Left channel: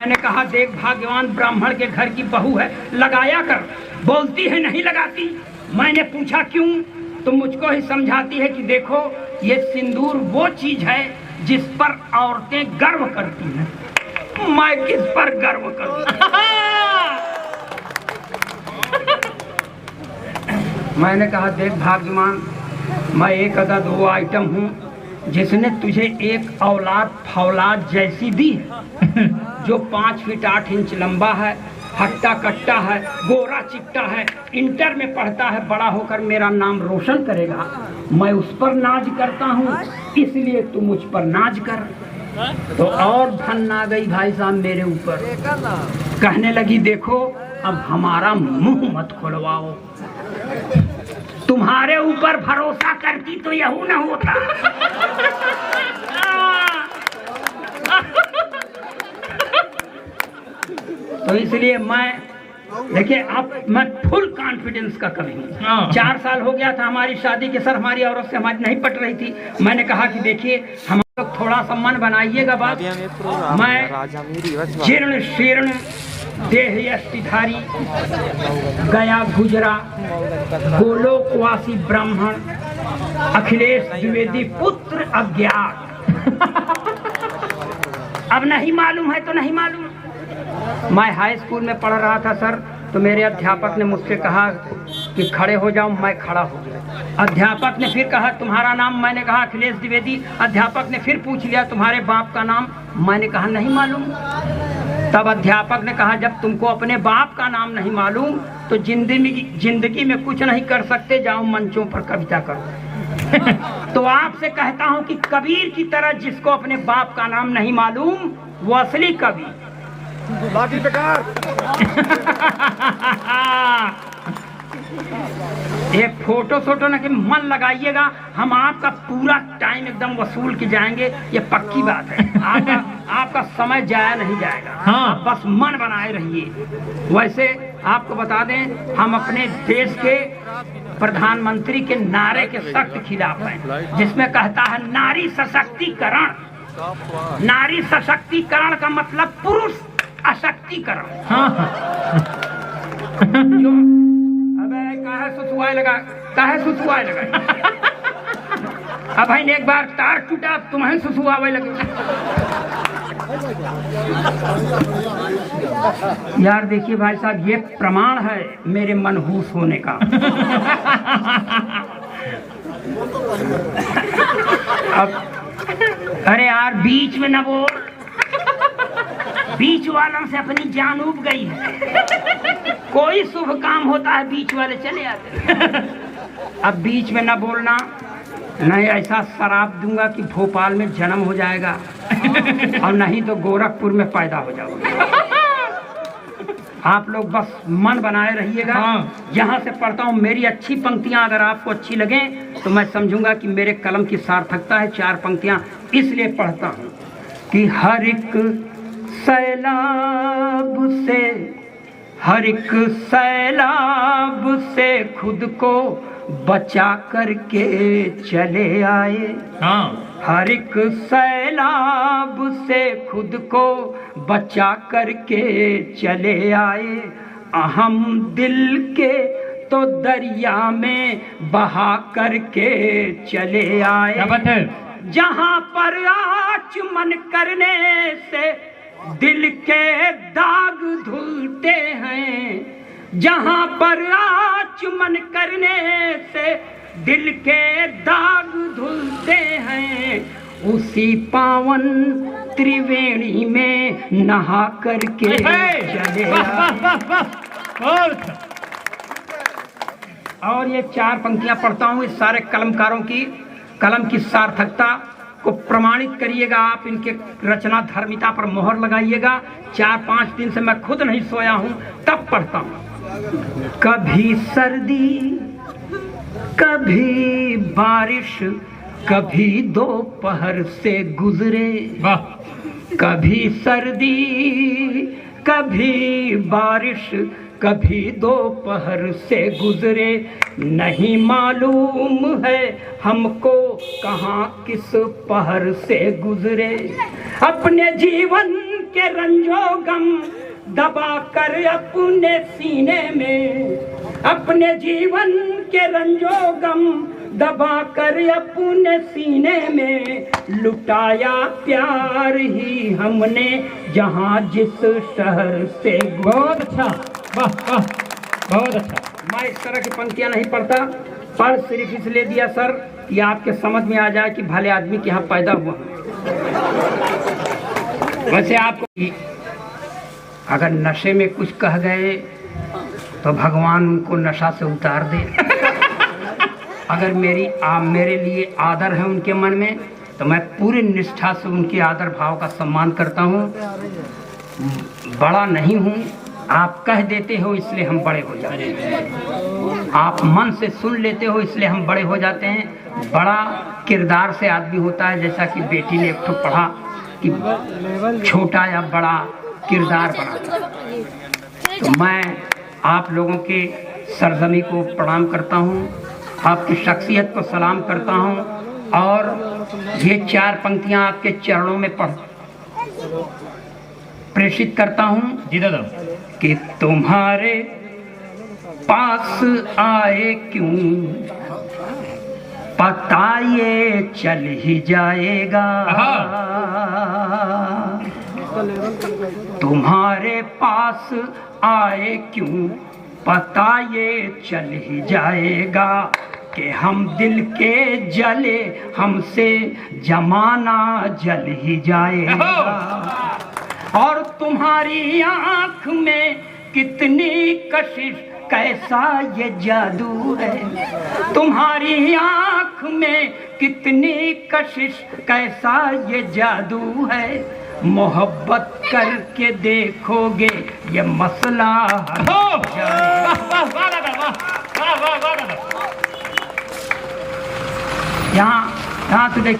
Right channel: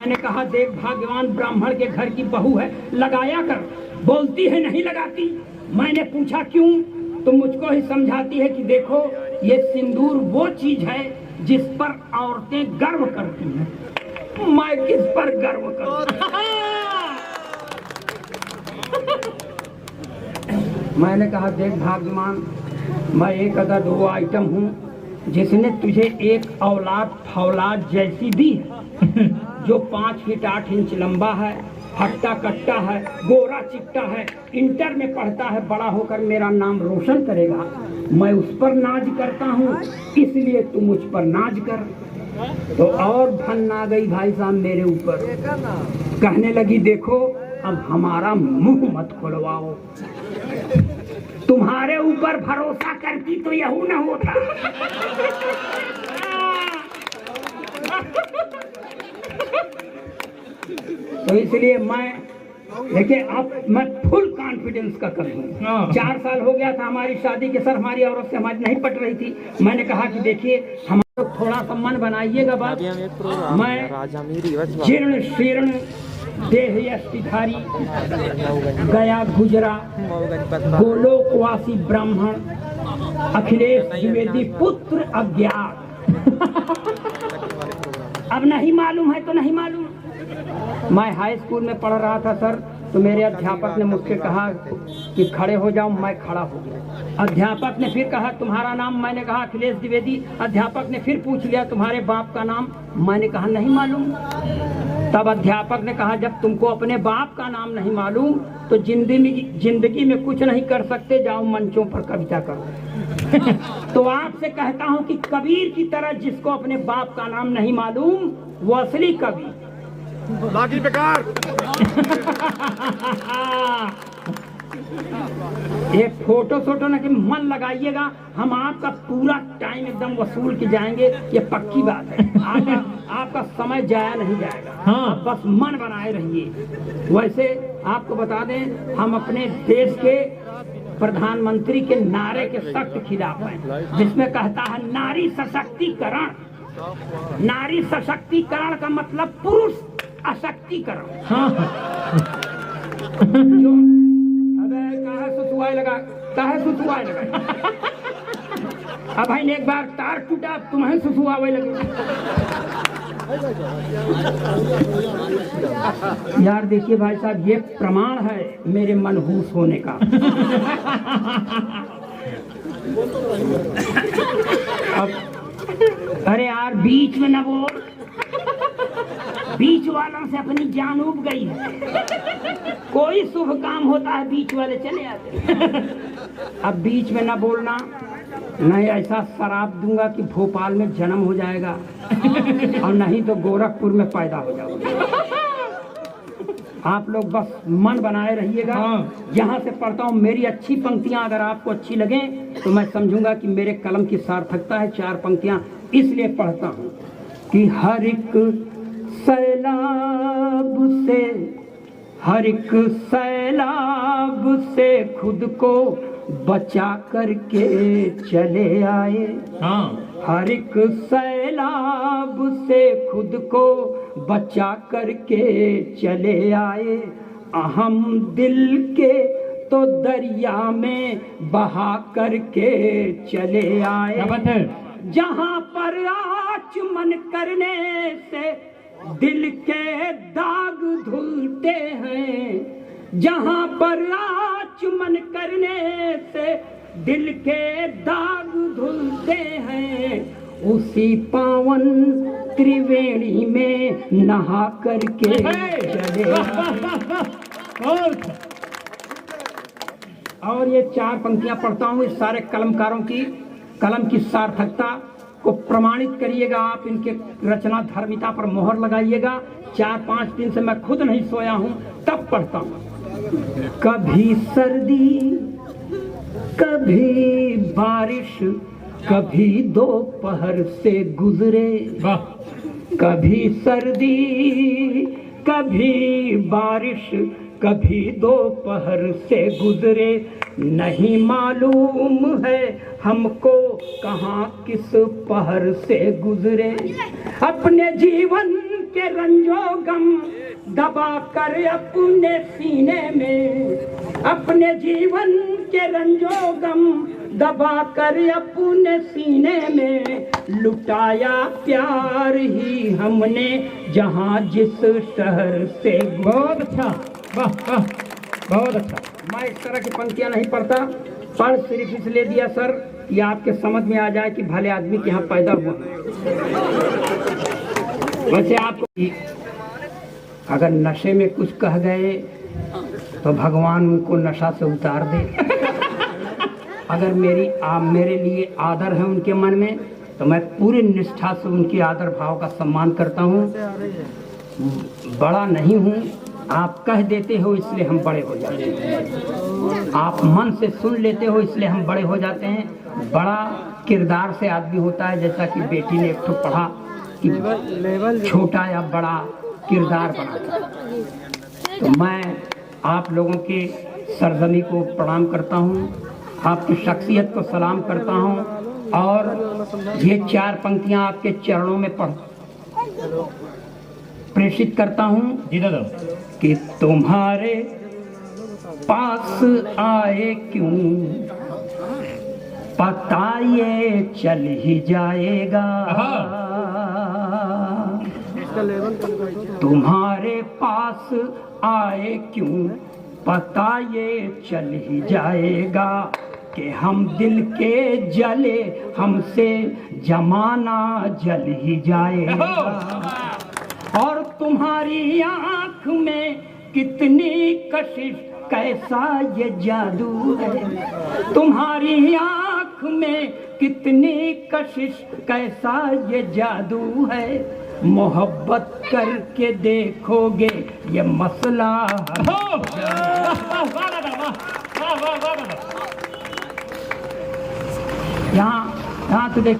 मैंने कहा देख भाग्यवान ब्राह्मण के घर की बहू है, लगाया कर। बोलती है नहीं लगाती। मैंने पूछा क्यों, तो मुझको ही समझाती है कि देखो ये सिंदूर वो चीज है जिस पर औरतें गर्व करती हैं। मैं किस पर गर्व करूं? मैंने कहा देख भाग्यवान, मैं एक अदा दो आइटम हूँ जिसने तुझे एक औलाद फौलाद जैसी दी है, जो 5 फीट 8 इंच लंबा है, हट्टा कट्टा है, गोरा चिट्टा है, इंटर में पढ़ता है, बड़ा होकर मेरा नाम रोशन करेगा। मैं उस पर नाज करता हूँ, इसलिए तू मुझ पर नाज कर। तो और धन आ गई भाई साहब मेरे ऊपर। कहने लगी देखो अब हमारा मुंह मत खुलवाओ, तुम्हारे ऊपर भरोसा करती तो यहू न होता। तो इसलिए मैं देखिए अब मैं फुल कॉन्फिडेंस का कवि हूँ। 4 साल हो गया था हमारी शादी के, सर हमारी औरत से हमारी नहीं पट रही थी। मैंने कहा कि देखिए हम लोग थोड़ा सा मन बनाइएगा बात। मैं जीर्ण शीर्ण देह यष्टिधारी गया गुजरा गोलोकवासी ब्राह्मण अखिलेश द्विवेदी पुत्र अज्ञात। अब नहीं मालूम है तो नहीं मालूम। मैं हाई स्कूल में पढ़ रहा था सर, तो मेरे अध्यापक ने मुझसे कहा कि खड़े हो जाओ। मैं खड़ा हो गया। अध्यापक ने फिर कहा तुम्हारा नाम? मैंने कहा अखिलेश द्विवेदी। अध्यापक ने फिर पूछ लिया तुम्हारे बाप का नाम? मैंने कहा नहीं मालूम। तब अध्यापक ने कहा जब तुमको अपने बाप का नाम नहीं मालूम तो जिंदगी में कुछ नहीं कर सकते, जाओ मंचों पर कविता करो। तो आपसे कहता हूं कि कबीर की तरह जिसको अपने बाप का नाम नहीं मालूम वो असली कवि। बाकी बेकार। ये फोटो सोटो ना कि मन लगाइएगा, हम आपका पूरा टाइम एकदम वसूल के जाएंगे, ये पक्की बात है। आपका समय जाया नहीं जाएगा। हाँ। आप बस मन बनाए रहिए। वैसे आपको बता दें हम अपने देश के प्रधानमंत्री के नारे के सख्त खिलाफ हैं, जिसमें कहता है नारी सशक्तिकरण। नारी सशक्तिकरण का मतलब पुरुष अशक्तिकरण। हाँ। सुसुआए लगा, काहे सुसुआए लगा? अब भाई ने एक बार तार टूटा, तुम्हें सुसुआवे लगे। यार देखिए भाई साहब, ये प्रमाण है मेरे मनहूस होने का। अब अरे यार बीच में न बोल, बीच वालों से अपनी जान उब गई है। कोई शुभ काम होता है बीच वाले चले आते। अब बीच में न बोलना, नहीं ऐसा शराब दूंगा कि भोपाल में जन्म हो जाएगा और नहीं तो गोरखपुर में पैदा हो जाओगे। आप लोग बस मन बनाए रहिएगा। हाँ। यहाँ से पढ़ता हूँ, मेरी अच्छी पंक्तियाँ अगर आपको अच्छी लगे तो मैं समझूंगा कि मेरे कलम की सार्थकता है। 4 पंक्तियाँ इसलिए पढ़ता हूँ कि हर एक सैलाब से, हर एक सैलाब से खुद को बचा करके चले आए। हाँ। हर एक सैलाब से खुद को बचा करके चले आए। अहम दिल के तो दरिया में बहा करके चले आए। जहाँ पर आचमन करने से दिल के दाग धुलते हैं, जहाँ पर आचमन करने से दिल के दाग धुलते हैं, उसी पावन त्रिवेणी में नहा करके चले और ये 4 पंक्तियां पढ़ता हूँ। इस सारे कलमकारों की कलम की सार्थकता को प्रमाणित करिएगा आप, इनके रचना धर्मिता पर मोहर लगाइएगा। 4-5 दिन से मैं खुद नहीं सोया हूँ, तब पढ़ता हूँ। कभी सर्दी, कभी बारिश, कभी दोपहर से गुजरे। कभी सर्दी, कभी बारिश, कभी दोपहर से गुजरे। नहीं मालूम है हमको कहाँ किस पहर से गुजरे। अपने जीवन के रंजो गम दबा कर अपने सीने में, अपने जीवन के रंजो गम दबा कर अपने सीने में, लुटाया प्यार ही हमने जहां जिस शहर से। बहुत अच्छा, वाह वाह, बहुत अच्छा। मैं इस तरह की पंक्तियां नहीं पढ़ता, पर सिर्फ इसलिए दिया सर कि आपके समझ में आ जाए कि भले आदमी के यहाँ पैदा हुआ। वैसे आपको अगर नशे में कुछ कह गए तो भगवान उनको नशा से उतार दे। अगर मेरे लिए आदर है उनके मन में तो मैं पूरी निष्ठा से उनके आदर भाव का सम्मान करता हूँ। बड़ा नहीं हूँ, आप कह देते हो इसलिए हम बड़े हो जाते हैं, आप मन से सुन लेते हो इसलिए हम बड़े हो जाते हैं। बड़ा किरदार से आदमी होता है, जैसा कि बेटी ने एक ठो पढ़ा कि छोटा या बड़ा किरदार बना। तो मैं आप लोगों के सरजमी को प्रणाम करता हूँ, आपकी शख्सियत को सलाम करता हूँ, और ये 4 पंक्तियाँ आपके चरणों में प्रेषित करता हूँ जी दादा। कि तुम्हारे पास आए क्यों पता ये चल ही जाएगा, तुम्हारे पास आए क्यों पता ये चल ही जाएगा, कि हम दिल के जले हमसे जमाना जल ही जाएगा। और तुम्हारी आँख में कितनी कशिश कैसा ये जादू है, तुम्हारी आँख में कितनी कशिश कैसा ये जादू है, मोहब्बत करके देखोगे ये मसला हल हो जाएगा। यहाँ तो देखिए।